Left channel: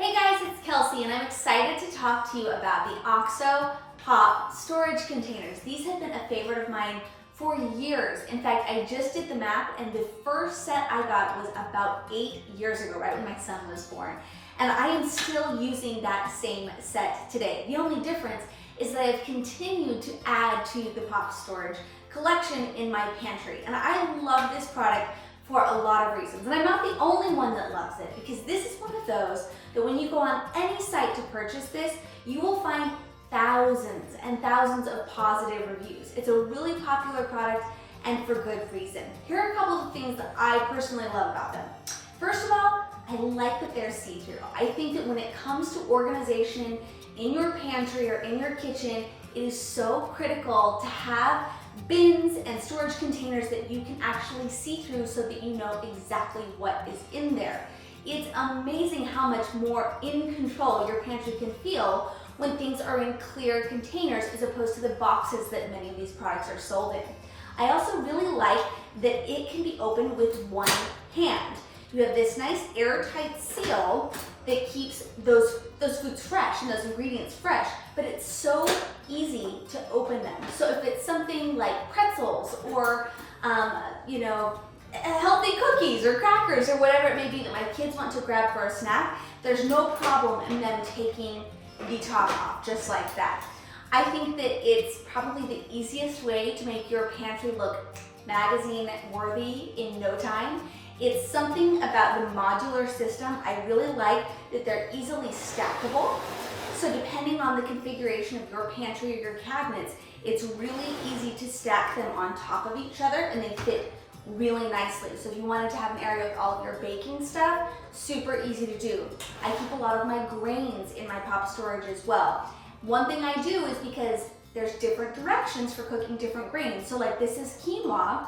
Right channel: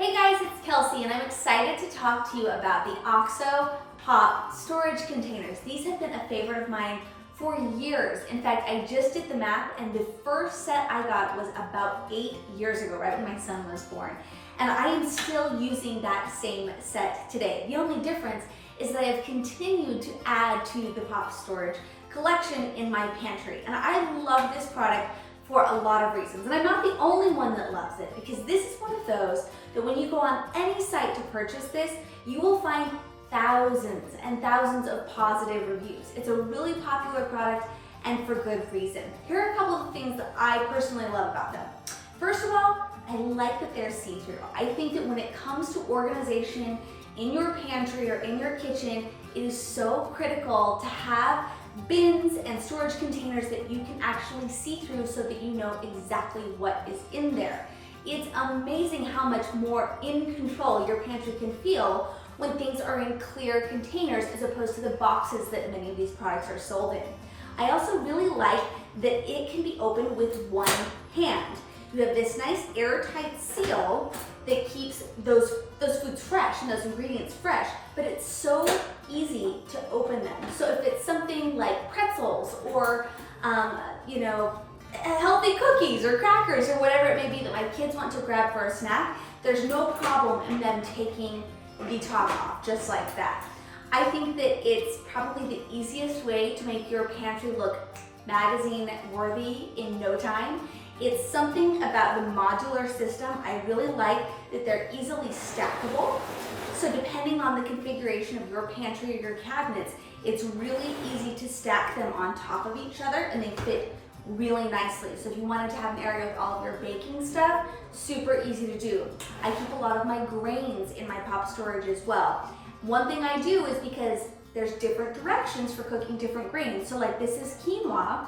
Hey guys, it's Kelsey and I'm excited to talk to you about the OXO Pop storage containers. These have been a favorite of mine for years. In fact, I just did the math and the first set I got was about 8 years ago, right when my son was born. And I am still using that same set today. The only difference is that I've continued to add to the pop storage collection in my pantry. And I love this product for a lot of reasons. And I'm not the only one that loves it, because this is one of those that when you go on any site to purchase this, you will find thousands and thousands of positive reviews. It's a really popular product and for good reason. Here are a couple of things that I personally love about them. First of all, I like that they're see-through. I think that when it comes to organization in your pantry or in your kitchen, it is so critical to have bins and storage containers that you can actually see through so that you know exactly what is in there. It's amazing how much more in control your pantry can feel when things are in clear containers as opposed to the boxes that many of these products are sold in. I also really like that it can be opened with one hand. You have this nice airtight seal that keeps those foods fresh and those ingredients fresh, but it's so easy to open them. So if it's something like pretzels or healthy cookies or crackers or whatever it may be that my kids want to grab for a snack, there's no problem in them taking the top off just like that. I think that it's probably the easiest way to make your pantry look magazine worthy in no time. It's something about the modular system. I really like that they're easily stackable. So depending on the configuration of your pantry or your cabinets, it's really easy to stack them on top of each other and they fit really nicely. So if you wanted to have an area with all of your baking stuff, super easy to do. I keep a lot of my grains in my pop storage as well. One thing I do is because there's different directions for cooking different grains. So like this is quinoa,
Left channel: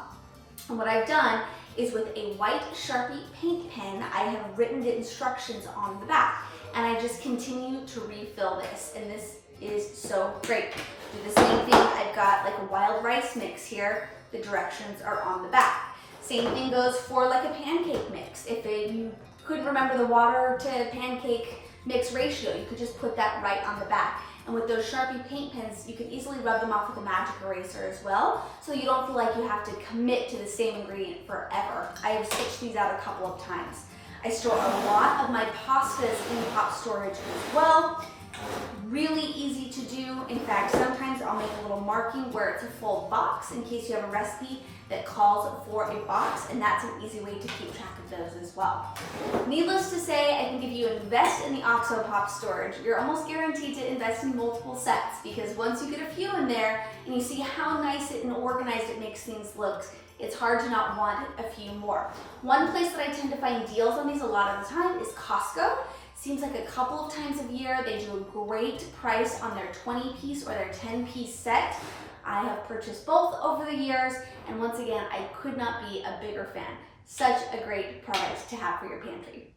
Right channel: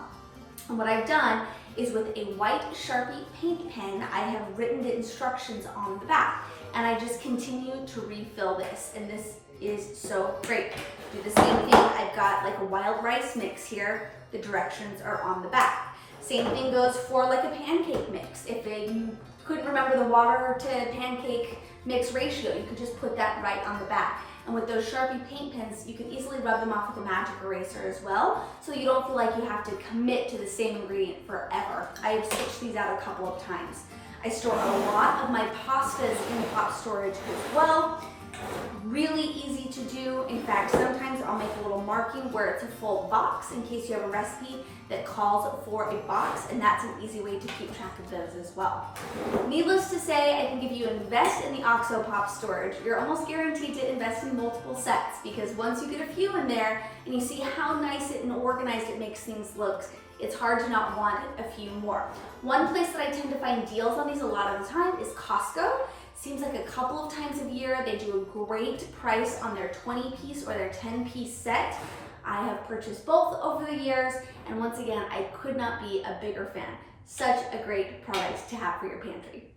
and what I've done is with a white Sharpie paint pen, I have written the instructions on the back. And I just continue to refill this, and this is so great. Do the same thing, I've got like a wild rice mix here, the directions are on the back. Same thing goes for like a pancake mix. If you couldn't remember the water to pancake mix ratio, you could just put that right on the back. And with those Sharpie paint pens, you can easily rub them off with a magic eraser as well, so you don't feel like you have to commit to the same ingredient forever. I have switched these out a couple of times. I store a lot of my pastas in pop storage as well. Really easy to do. In fact, sometimes I'll make a little marking where it's a full box in case you have a recipe that calls for a box, and that's an easy way to keep track of those as well. Needless to say, I think if you invest in the OXO Pop storage, you're almost guaranteed to invest in multiple sets, because once you get a few in there and you see how nice and organized it makes things look, it's hard to not want a few more. One place that I tend to find deals on these a lot of the time is Costco. Seems like a couple of times a year they do a great price on their 20-piece or their 10-piece set. I have purchased both over the years, and once again, I could not be a bigger fan. Such a great product to have for your pantry.